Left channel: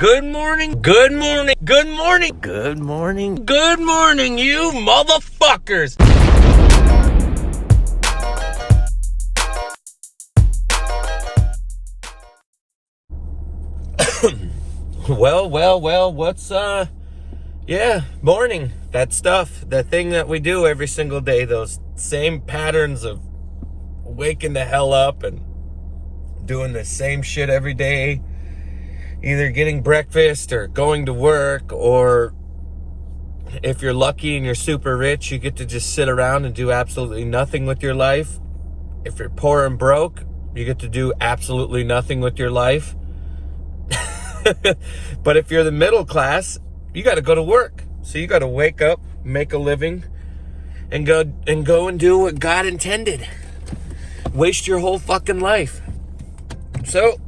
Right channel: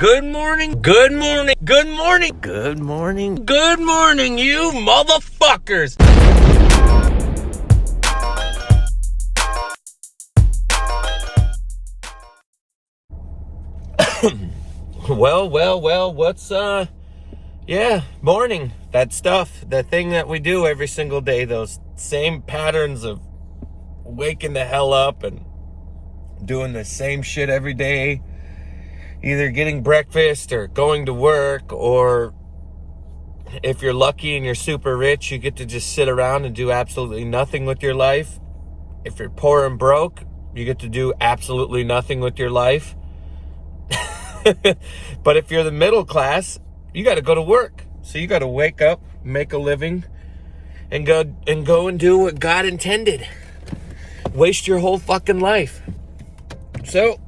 Good morning, good morning, good morning, good morning, good morning, you motherfuckers! Well, what's, morning. That stuff, that thing that we do every single day, those same patterns of waking the hell up and doing the same shit every day, either getting breakfast or going to work, or if you're lucky and you're super rich, you get to just sit around and do absolutely nothing with your life. If you're poor and broke, you get to do absolutely nothing with your life. But if you're the middle class, you got to go to work. So you got to wake up, make a living, and go and do what God intended. Waste your whole fucking life. So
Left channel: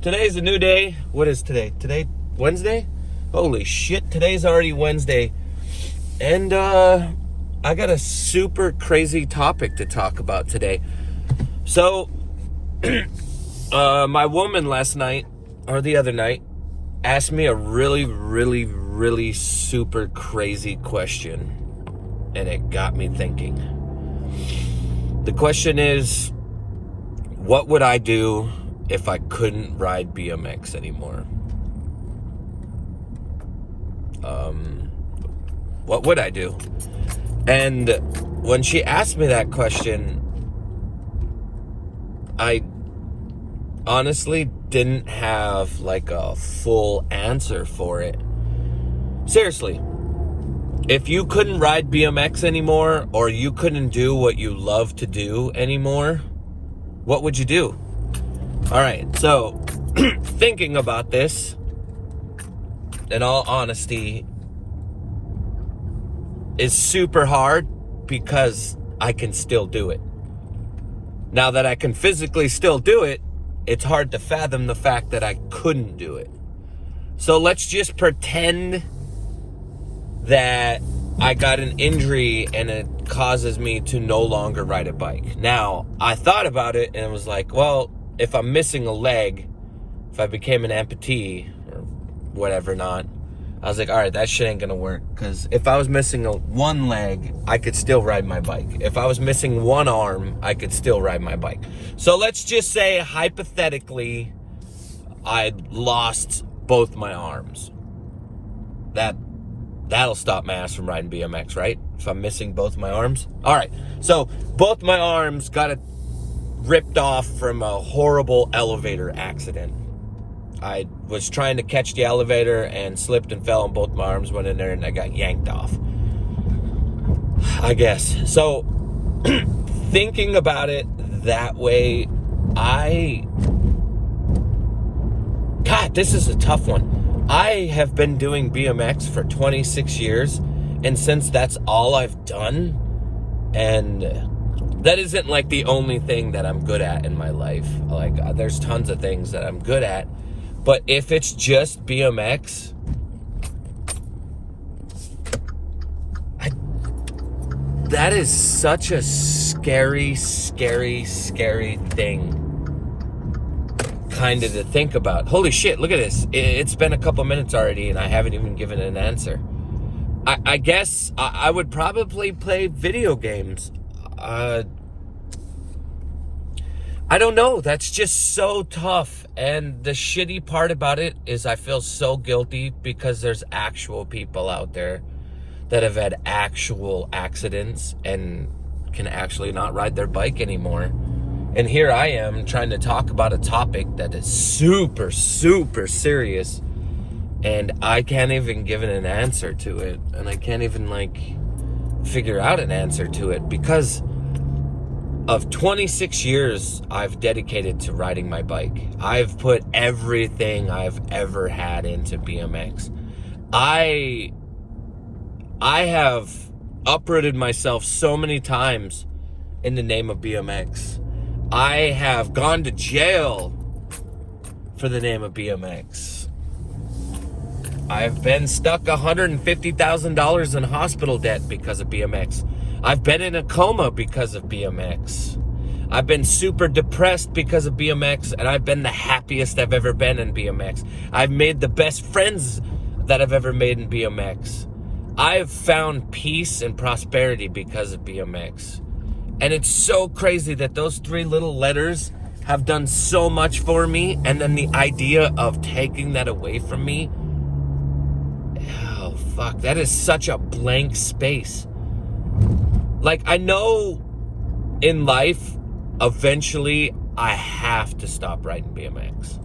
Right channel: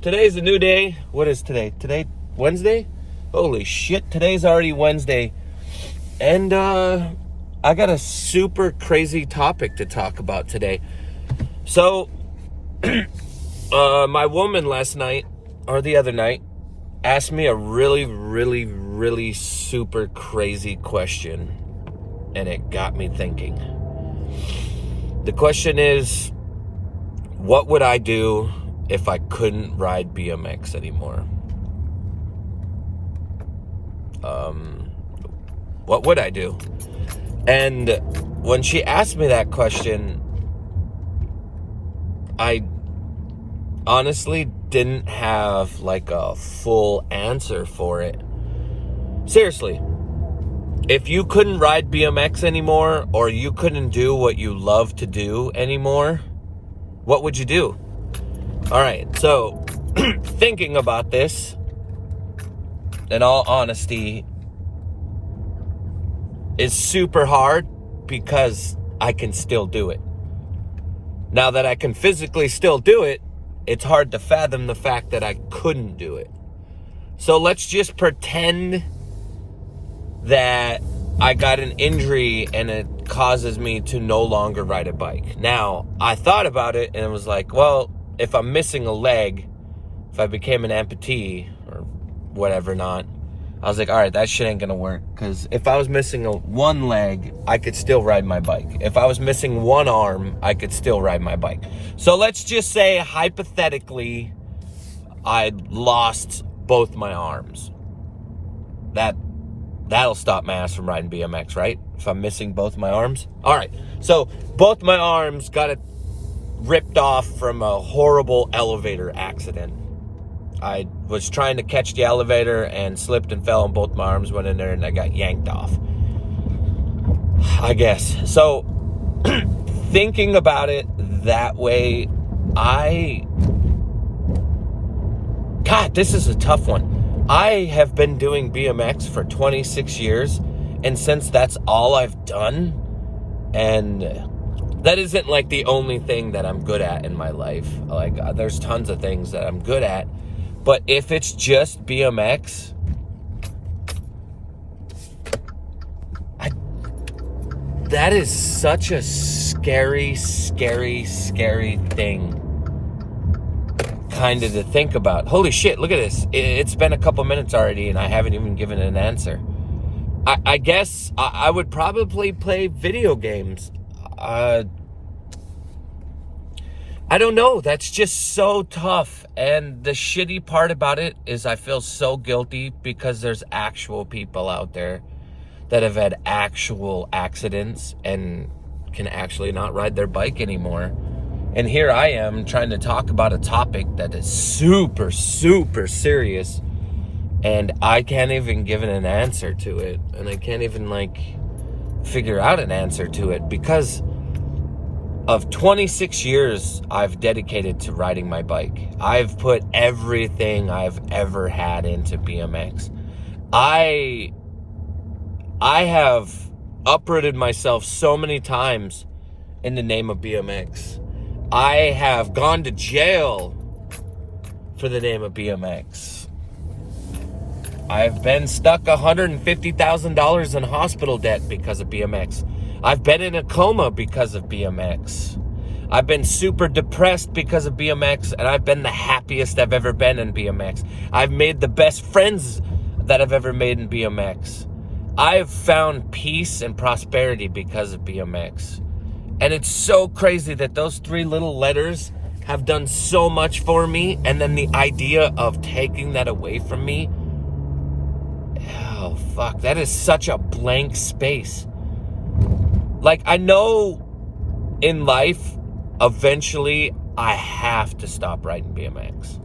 today's a new day. What is today? Today, Wednesday? Holy shit, today's already Wednesday. And I got a super crazy topic to talk about today. So my woman last night, or the other night, asked me a really super crazy question, and it got me thinking. The question is, what would I do if I couldn't ride BMX anymore? What would I do? And when she asked me that question, I honestly didn't have like a full answer for it. Seriously, if you couldn't ride BMX anymore, or you couldn't do what you love to do anymore, what would you do? All right, so thinking about this, in all honesty, is super hard because I can still do it. Now that I can physically still do it, it's hard to fathom the fact that I couldn't do it. So let's just pretend that I got an injury and it causes me to no longer ride a bike. Now, I thought about it and it was like, well, if I'm missing a leg, if I became an amputee or whatever not, I was like, all right, that shit ain't gonna work. Because if I was missing one leg, I could still ride my bike. If I was missing one arm, I could still ride my bike. So let's just say, hypothetically, I lost both my arms. That'll stop my ass from riding BMX, right? If I'm missing both my arms. All right, so both my arms got ripped off from a horrible elevator accident. I was trying to catch the elevator and slipped and fell, and both my arms went in there and I got yanked off, I guess. So thinking about it that way, God, this is a tough one. I have been doing BMX for 26 years, and since that's all I've done, and that isn't like the only thing that I'm good at in my life. Like, there's tons of things that I'm good at. But if it's just BMX, that is such a scary thing kind of to think about. Holy shit, look at this. It's been a couple minutes already and I haven't even given an answer. I guess I would probably play video games. I don't know. That's just so tough. And the shitty part about it is I feel so guilty because there's actual people out there that have had actual accidents and can actually not ride their bike anymore. And here I am trying to talk about a topic that is super serious, and I can't even give it an answer to it. And I can't even figure out an answer to it because of 26 years I've dedicated to riding my bike. I've put everything I've ever had into BMX. I have uprooted myself so many times in the name of BMX. I have gone to jail for the name of BMX. I've been stuck $150,000 in hospital debt because of BMX. I've been in a coma because of BMX. I've been super depressed because of BMX, and I've been the happiest I've ever been in BMX. I've made the best friends that I've ever made in BMX. I've found peace and prosperity because of BMX. And it's so crazy that those 3 little letters have done so much for me, and then the idea of taking that away from me, oh fuck, that is such a blank space. Like, I know in life, eventually, I have to stop riding BMX.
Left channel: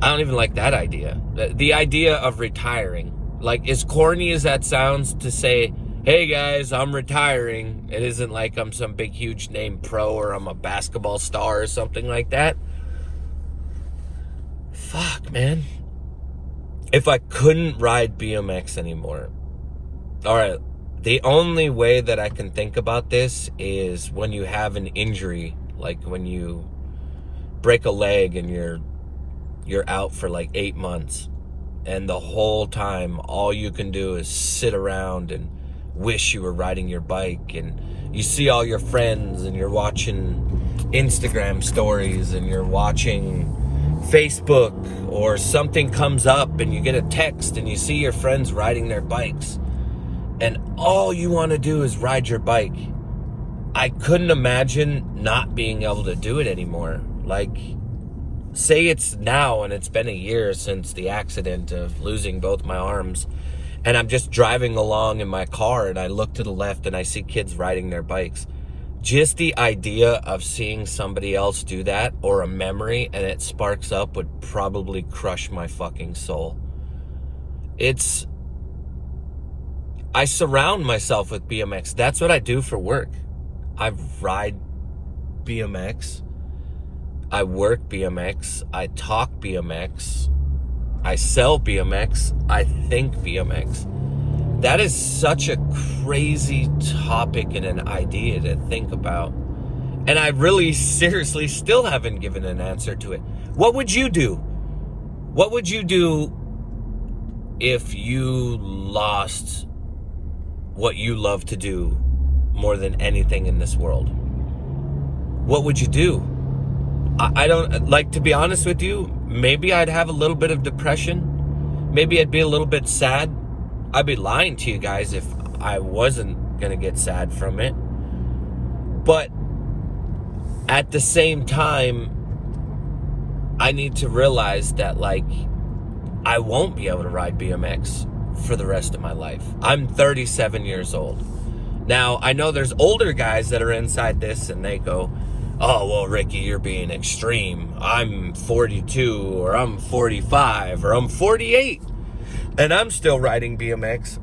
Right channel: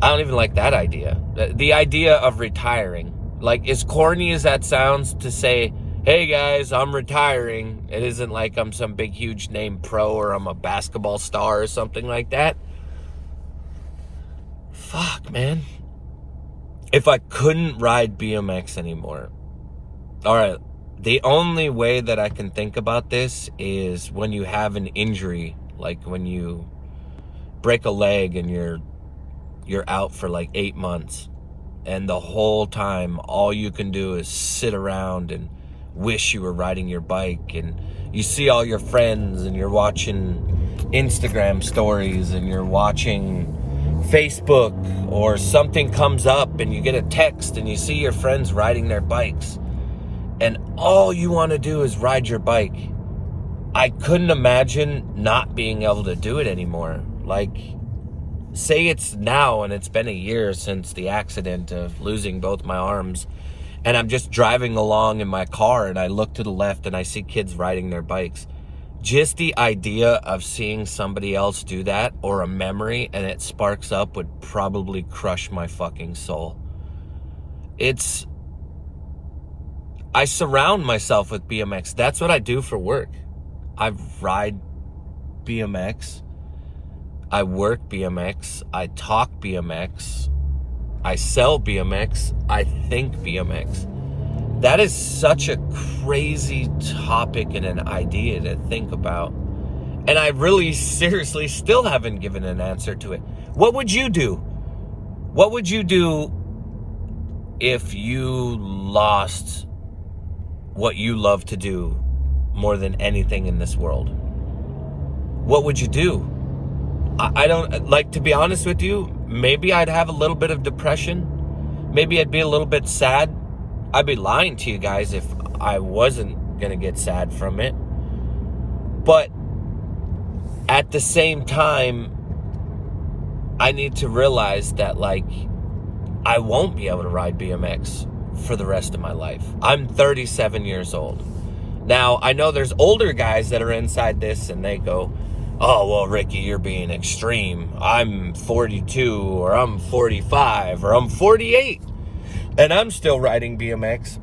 I don't even like that idea. The idea of retiring. Like, as corny as that sounds to say, hey guys, I'm retiring. It isn't like I'm some big, huge name pro or I'm a basketball star or something like that. Fuck, man. If I couldn't ride BMX anymore. All right. The only way that I can think about this is when you have an injury, like when you break a leg and you're out for like 8 months, and the whole time all you can do is sit around and wish you were riding your bike, and you see all your friends and you're watching Instagram stories and you're watching Facebook, or something comes up and you get a text and you see your friends riding their bikes. And all you want to do is ride your bike. I couldn't imagine not being able to do it anymore. Like, say it's now and it's been a year since the accident of losing both my arms, and I'm just driving along in my car and I look to the left and I see kids riding their bikes. Just the idea of seeing somebody else do that, or a memory, and it sparks up, would probably crush my fucking soul. I surround myself with BMX. That's what I do for work. I ride BMX. I work BMX. I talk BMX. I sell BMX. I think BMX. That is such a crazy topic and an idea to think about. And I really seriously still haven't given an answer to it. What would you do? What would you do if you lost what you love to do more than anything in this world? What would you do? I don't, like, to be honest with you, maybe I'd have a little bit of depression. Maybe I'd be a little bit sad. I'd be lying to you guys if I wasn't gonna get sad from it. But at the same time, I need to realize that, like, I won't be able to ride BMX for the rest of my life. I'm 37 years old. Now, I know there's older guys that are inside this and they go, oh, well, Ricky, you're being extreme. I'm 42 or I'm 45 or I'm 48 and I'm still riding BMX.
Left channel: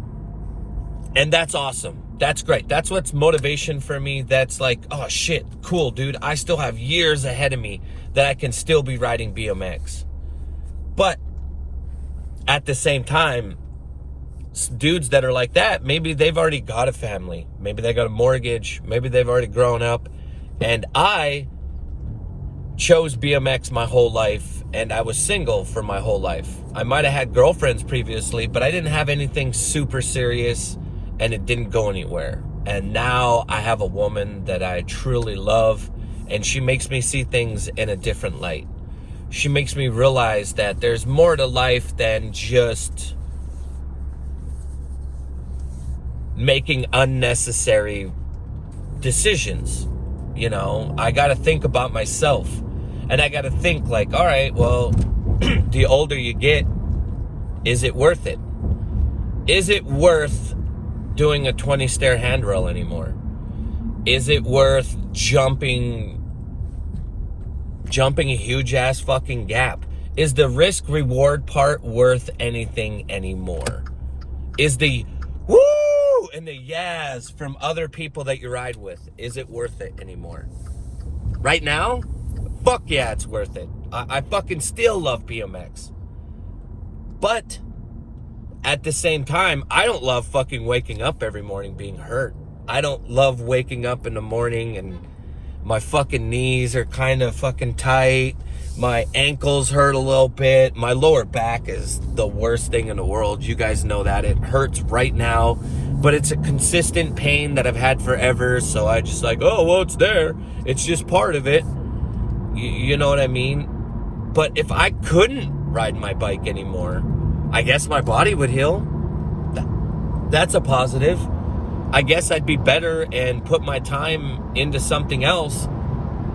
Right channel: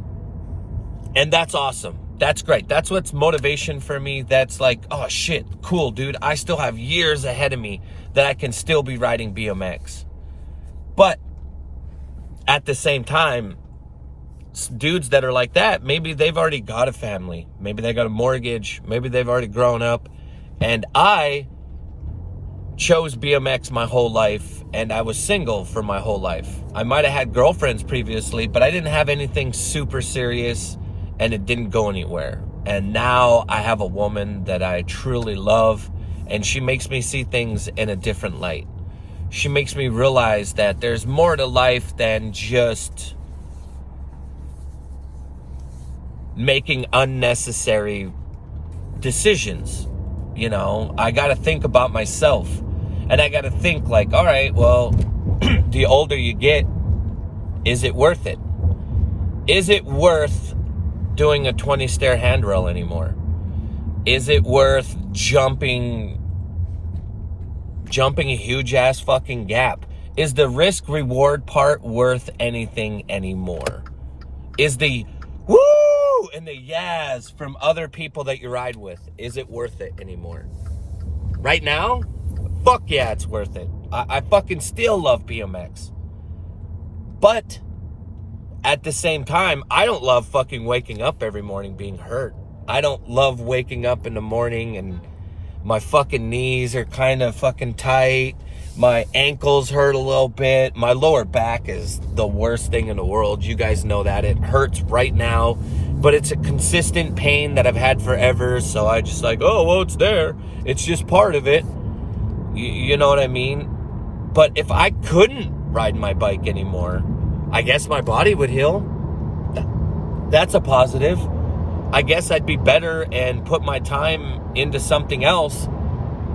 And that's awesome. That's great. That's what's motivation for me. That's like, oh shit, cool, dude. I still have years ahead of me that I can still be riding BMX. But at the same time, dudes that are like that, maybe they've already got a family, maybe they got a mortgage, maybe they've already grown up, and I chose BMX my whole life, and I was single for my whole life. I might have had girlfriends previously, but I didn't have anything super serious, and it didn't go anywhere. And now I have a woman that I truly love, and she makes me see things in a different light. She makes me realize that there's more to life than just making unnecessary decisions. You know, I got to think about myself, and I got to think like, all right, well, the older you get, is it worth it? Is it worth doing a 20 stair handrail anymore? Is it worth jumping a huge ass fucking gap? Is the risk reward part worth anything anymore? Is the woo and the yas from other people that you ride with, is it worth it anymore? Right now, fuck yeah, it's worth it. I fucking still love BMX. But at the same time, I don't love fucking waking up every morning being hurt. I don't love waking up in the morning and my fucking knees are kind of fucking tight. My ankles hurt a little bit. My lower back is the worst thing in the world. You guys know that. It hurts right now. but it's a consistent pain that I've had forever. So I just like, oh, well, it's there. It's just part of it. You know what I mean? But if I couldn't ride my bike anymore, I guess my body would heal. That's a positive. I guess I'd be better and put my time into something else.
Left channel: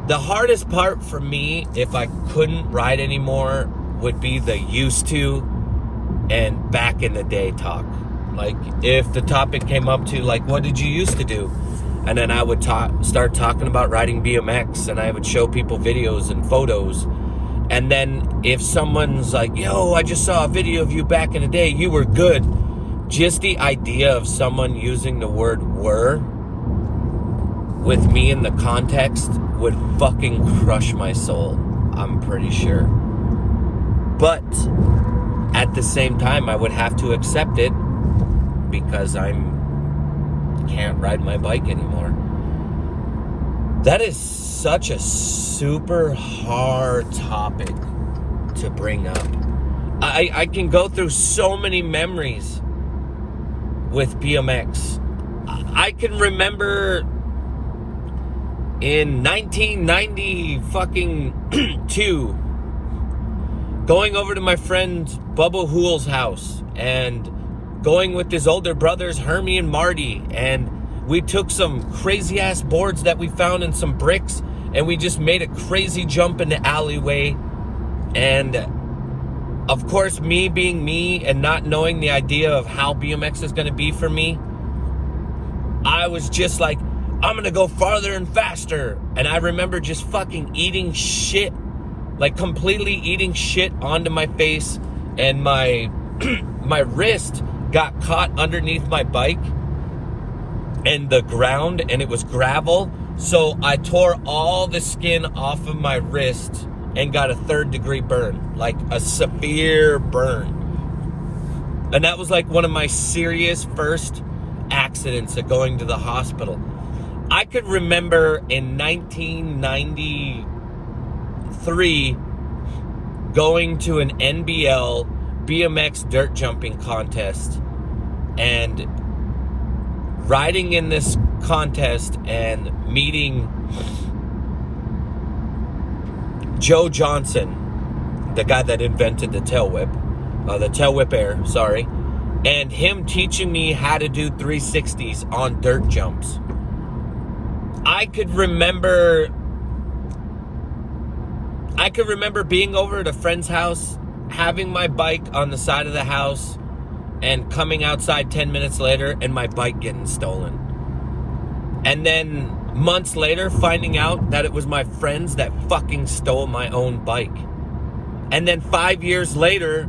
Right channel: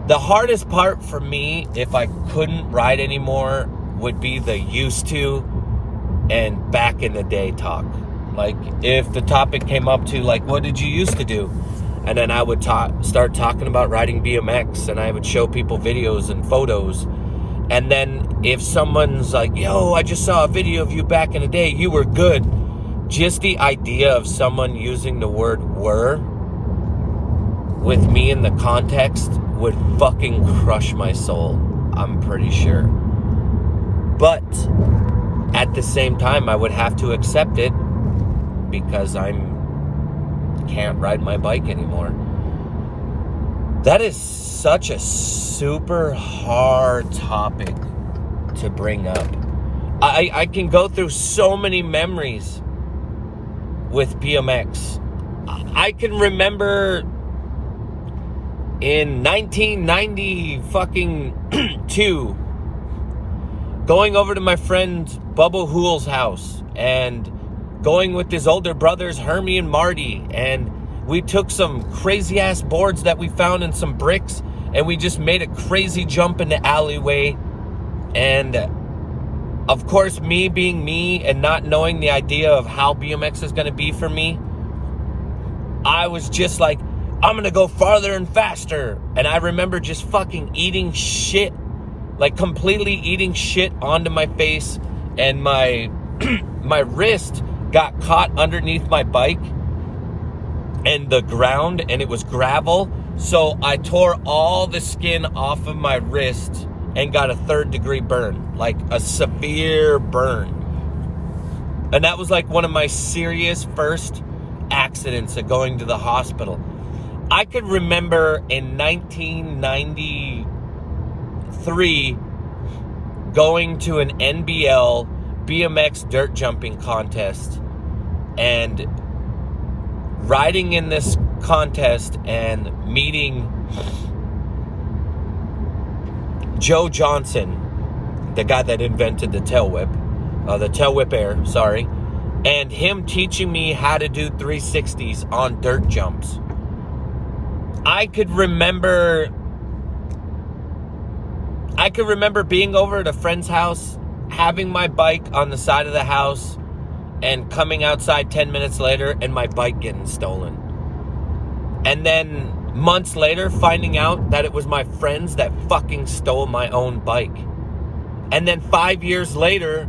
The hardest part for me, if I couldn't ride anymore, would be the used to and back in the day talk. Like, if the topic came up to, like, what did you used to do? And then I would start talking about riding BMX, and I would show people videos and photos. And then if someone's like, yo, I just saw a video of you back in the day, you were good. Just the idea of someone using the word were with me in the context would fucking crush my soul, I'm pretty sure. But at the same time, I would have to accept it because I can't ride my bike anymore. That is such a super hard topic to bring up. I can go through so many memories with BMX. I can remember in 1992 going over to my friend Bubba Hool's house and going with his older brothers Hermie and Marty, and we took some crazy ass boards that we found and some bricks, and we just made a crazy jump in the alleyway. And of course, me being me and not knowing the idea of how BMX is going to be for me, I was just like, I'm going to go farther and faster. And I remember just fucking eating shit, like completely eating shit onto my face, and my my wrist got caught underneath my bike and the ground, and it was gravel. So I tore all the skin off of my wrist and got a 3rd-degree burn, like a severe burn. And that was like one of my serious first accidents of going to the hospital. I could remember in 1993 going to an NBL BMX dirt jumping contest and riding in this contest and meeting Joe Johnson, the guy that invented the tail whip air, sorry, and him teaching me how to do 360s on dirt jumps. I could remember being over at a friend's house, having my bike on the side of the house, and coming outside 10 minutes later and my bike getting stolen. And then months later finding out that it was my friends that fucking stole my own bike. And then 5 years later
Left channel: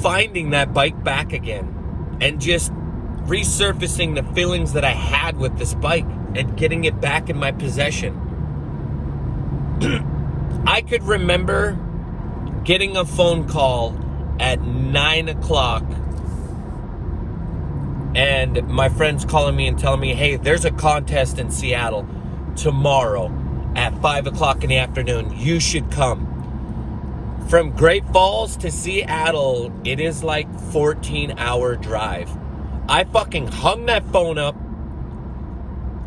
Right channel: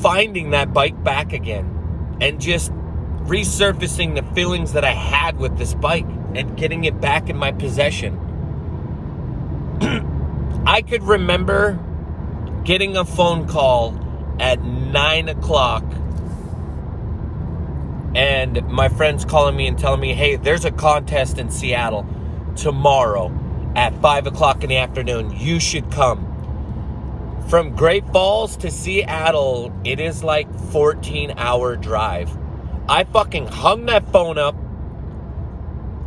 finding that bike back again and just resurfacing the feelings that I had with this bike and getting it back in my possession. I could remember getting a phone call at 9 o'clock and my friends calling me and telling me, hey, there's a contest in Seattle tomorrow at 5 o'clock in the afternoon. You should come. From Great Falls to Seattle, it is like 14-hour drive. I fucking hung that phone up.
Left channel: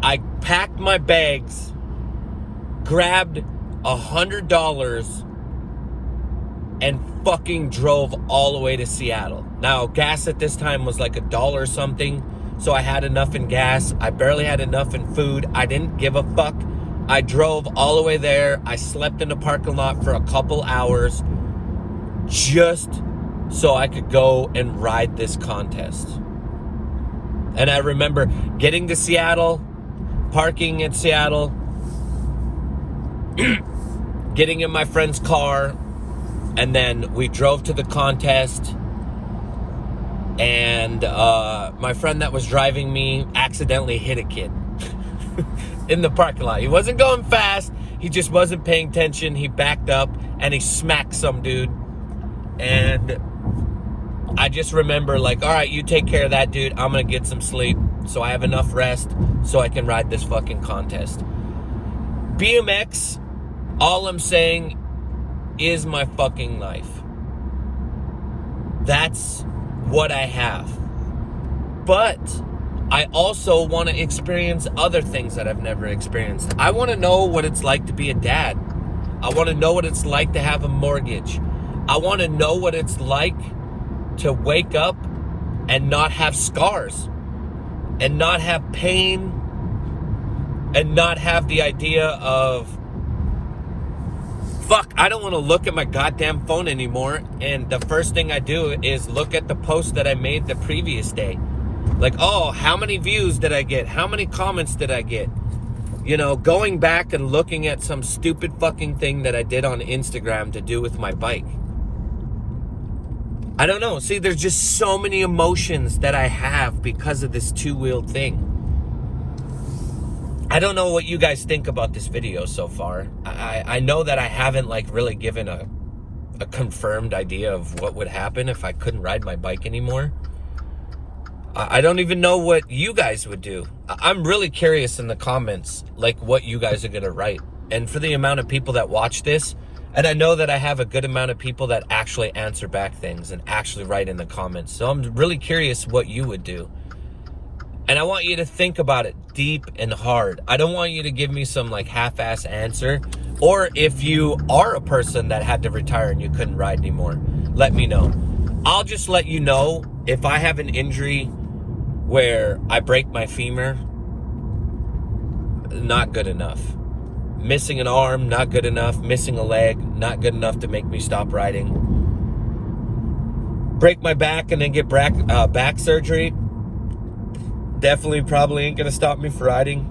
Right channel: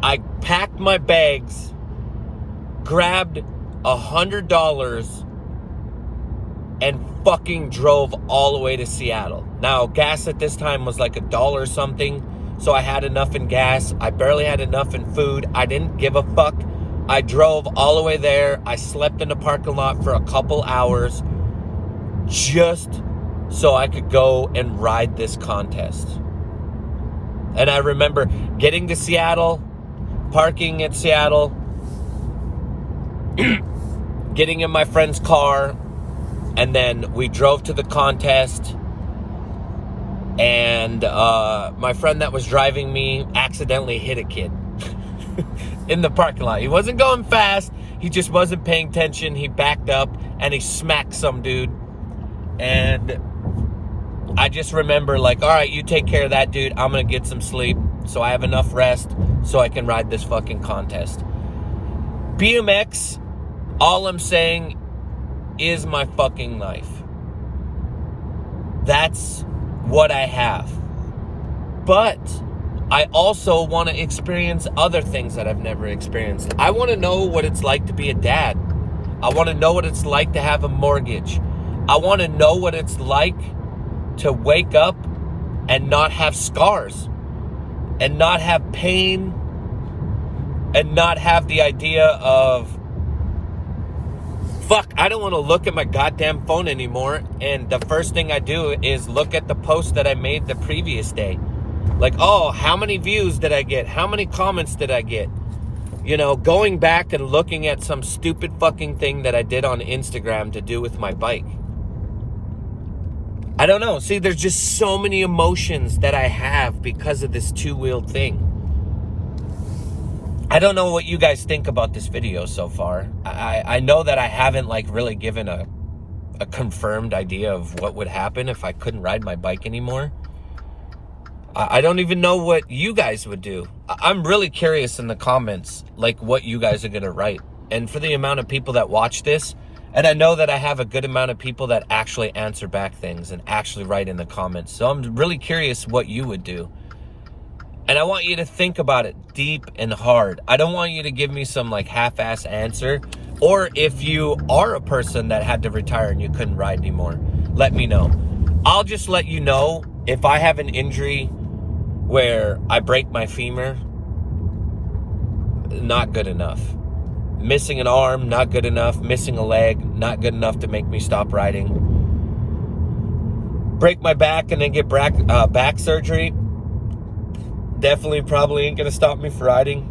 I packed my bags, grabbed $100, and fucking drove all the way to Seattle. Now, gas at this time was like $1 something, so I had enough in gas. I barely had enough in food. I didn't give a fuck. I drove all the way there. I slept in the parking lot for a couple hours just so I could go and ride this contest. And I remember getting to Seattle, parking at Seattle, getting in my friend's car, and then we drove to the contest. And my friend that was driving me accidentally hit a kid in the parking lot. He wasn't going fast. He just wasn't paying attention. He backed up and he smacked some dude. And I just remember like, all right, you take care of that dude. I'm going to get some sleep so I have enough rest so I can ride this fucking contest. BMX, all I'm saying, is my fucking life. That's what I have. But I also want to experience other things that I've never experienced. I want to know what it's like to be a dad. I want to know what it's like to have a mortgage. I want to know what it's like to wake up and not have scars, and not have pain, and not have the idea of, fuck, I don't want to look at my goddamn phone anymore. And the first thing I do is look at the post that I made the previous day. Like, oh, how many views did I get? How many comments did I get? You know, going back and looking at some stupid fucking thing that I did on Instagram to do with my bike. I don't know. See, there's just so many emotions that I have because of this two-wheeled thing. I don't know what you guys think about this video so far. I know that I haven't like really given a confirmed idea of what would happen if I couldn't ride my bike anymore. I don't even know what you guys would do. I'm really curious in the comments, like what you guys are going to write. And for the amount of people that watch this, and I know that I have a good amount of people that actually answer back things and actually write in the comments. So I'm really curious what you would do. And I want you to think about it deep and hard. I don't want you to give me some like half-ass answer. Or if you are a person that had to retire and you couldn't ride anymore, let me know. I'll just let you know if I have an injury where I break my femur, not good enough. Missing an arm, not good enough. Missing a leg, not good enough to make me stop riding. Break my back and then get back surgery, definitely probably ain't gonna stop me from riding.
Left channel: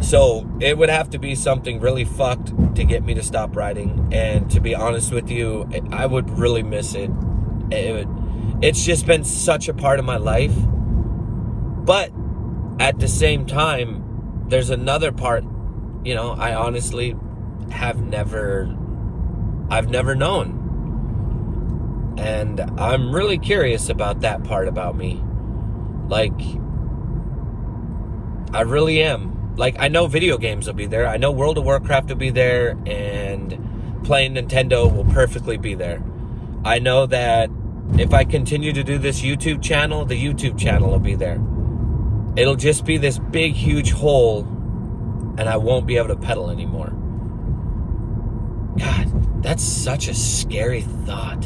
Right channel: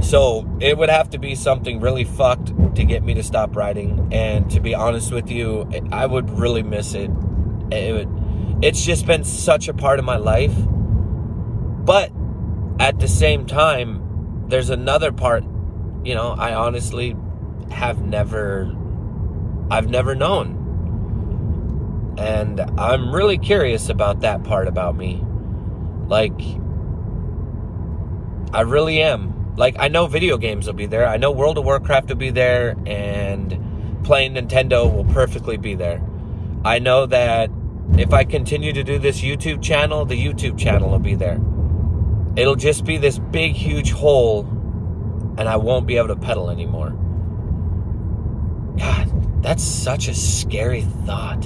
So it would have to be something really fucked to get me to stop riding. And to be honest with you, I would really miss it. It's just been such a part of my life. But at the same time, there's another part, you know, I honestly I've never known. And I'm really curious about that part about me. Like, I really am. Like, I know video games will be there. I know World of Warcraft will be there, and playing Nintendo will perfectly be there. I know that if I continue to do this YouTube channel, the YouTube channel will be there. It'll just be this big, huge hole, and I won't be able to pedal anymore. God, that's such a scary thought.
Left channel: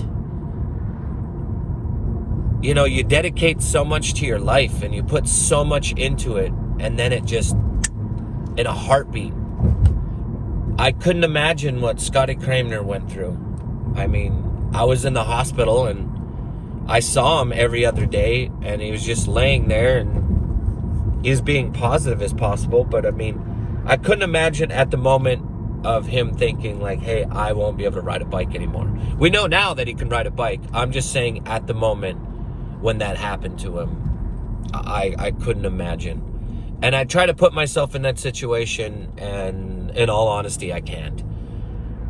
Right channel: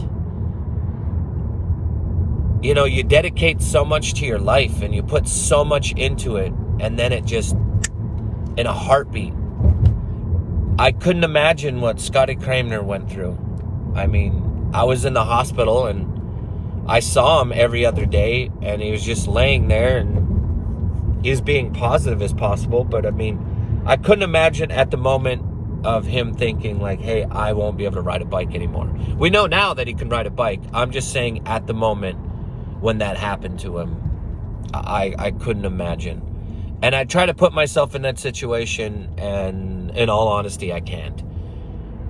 You know, you dedicate so much to your life, and you put so much into it, and then it just, in a heartbeat. I couldn't imagine what Scotty Kramer went through. I mean, I was in the hospital, and I saw him every other day, and he was just laying there, and he was being positive as possible. But I mean, I couldn't imagine at the moment of him thinking like, hey, I won't be able to ride a bike anymore. We know now that he can ride a bike. I'm just saying at the moment when that happened to him, I couldn't imagine. And I try to put myself in that situation, and in all honesty, I can't.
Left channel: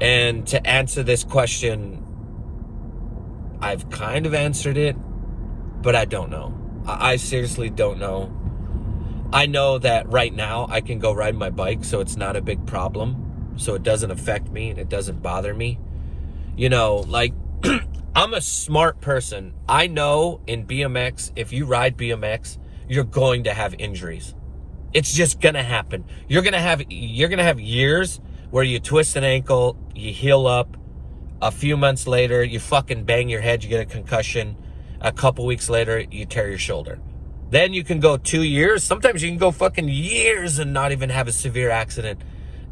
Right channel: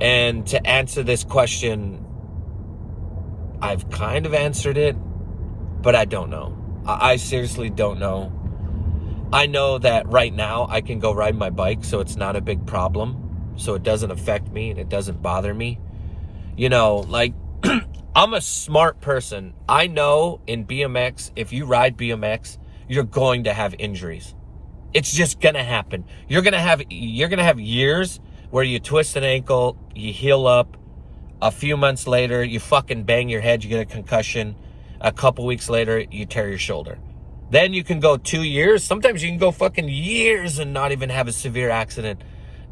And to answer this question, I've kind of answered it, but I don't know. I seriously don't know. I know that right now I can go ride my bike, so it's not a big problem. So it doesn't affect me and it doesn't bother me. You know, like, I'm a smart person. I know in BMX, if you ride BMX, you're going to have injuries. It's just gonna happen. You're gonna have years where you twist an ankle, you heal up. A few months later, you fucking bang your head, you get a concussion. A couple weeks later, you tear your shoulder. Then you can go 2 years. Sometimes you can go fucking years and not even have a severe accident.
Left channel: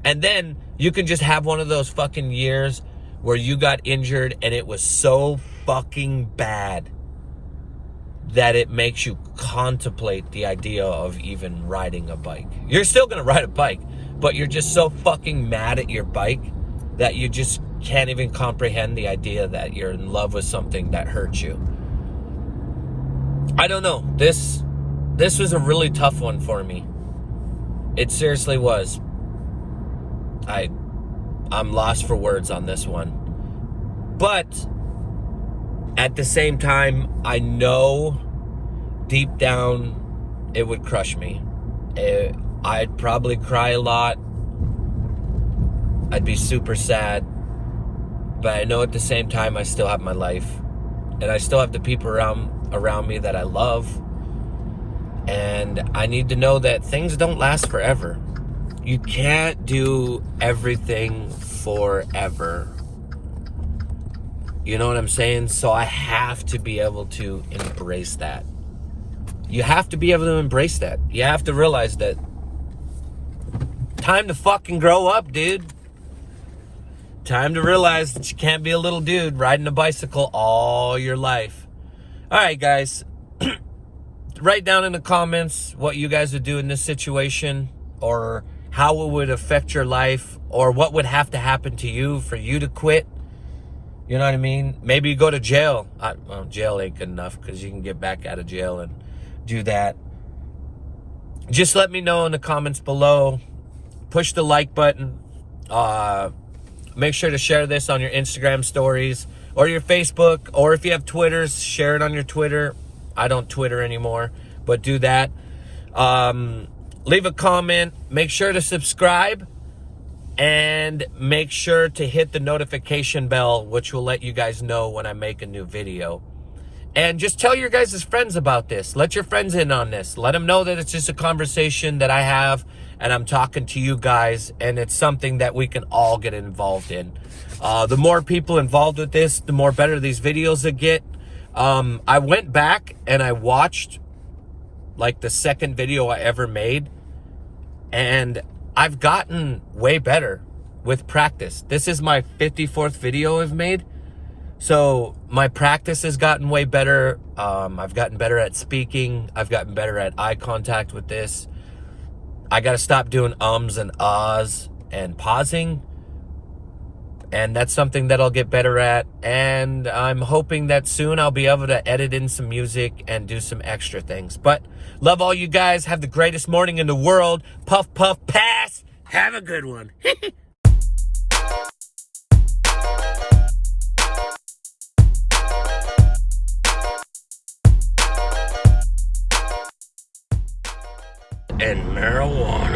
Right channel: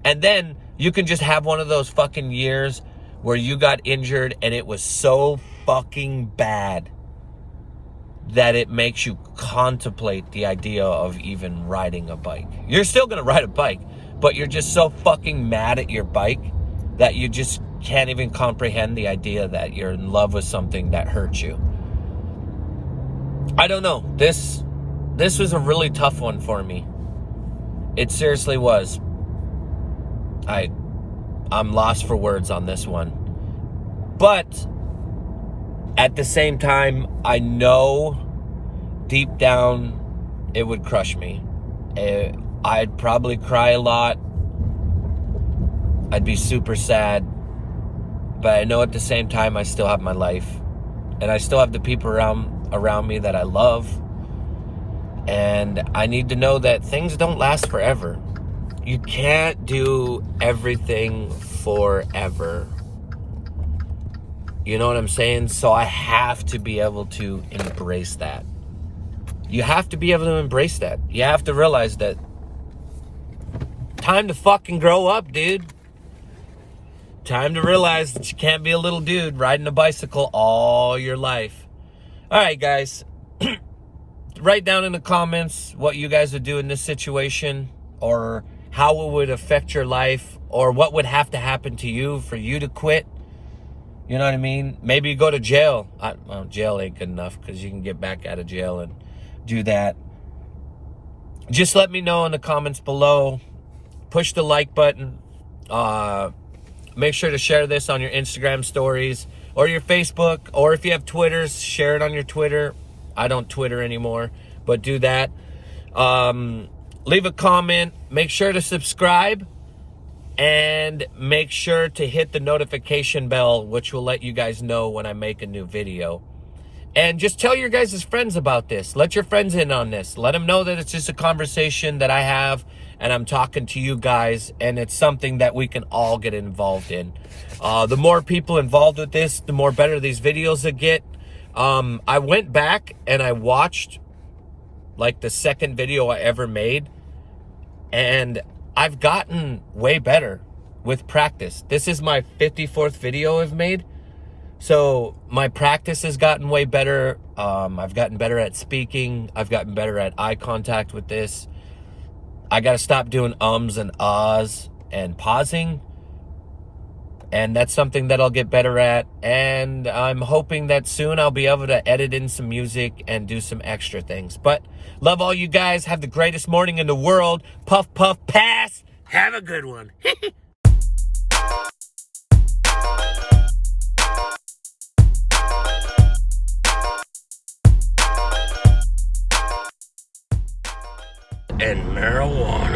And then you can just have one of those fucking years where you got injured and it was so fucking bad that it makes you contemplate the idea of even riding a bike. You're still gonna ride a bike, but you're just so fucking mad at your bike that you just can't even comprehend the idea that you're in love with something that hurts you. I don't know. This was a really tough one for me. It seriously was. I'm lost for words on this one. But at the same time, I know deep down it would crush me. I'd probably cry a lot. I'd be super sad. But I know at the same time I still have my life. And I still have the people around me that I love. And I need to know that things don't last forever. You can't do everything forever. You know what I'm saying? So I have to be able to embrace that. You have to be able to embrace that. You have to realize that time to fucking grow up, dude. Time to realize that you can't be a little dude riding a bicycle all your life. All right, guys. Write down in the comments what you guys would do in this situation, or how it would affect your life, or what would have to happen to you for you to quit. You know what I mean? Maybe you go to jail. Well, jail ain't good enough because you can get back out of jail and do that. Just let me know in the comments below. Push the like button. Make sure to share this on your Instagram stories or your Facebook, or if you have Twitter, share it on your Twitter. I don't Twitter anymore, but do that. Leave a comment. Make sure to subscribe. And make sure to hit the notification bell, which will let you guys know when I make a new video. And just tell your guys' friends about this. Let your friends in on this. Let them know that it's just a conversation that I have, and I'm talking to you guys, and it's something that we can all get involved in. The more people involved with this, the more better these videos will get. I went back and I watched like the second video I ever made, and I've gotten way better with practice. This is my 54th video I've made. So my practice has gotten way better. I've gotten better at speaking. I've gotten better at eye contact with this. I got to stop doing ums and ahs and pausing. And that's something that I'll get better at. And I'm hoping that soon I'll be able to edit in some music and do some extra things. But love all you guys. Have the greatest morning in the world. Puff, puff, pass. Have a good one. And marijuana.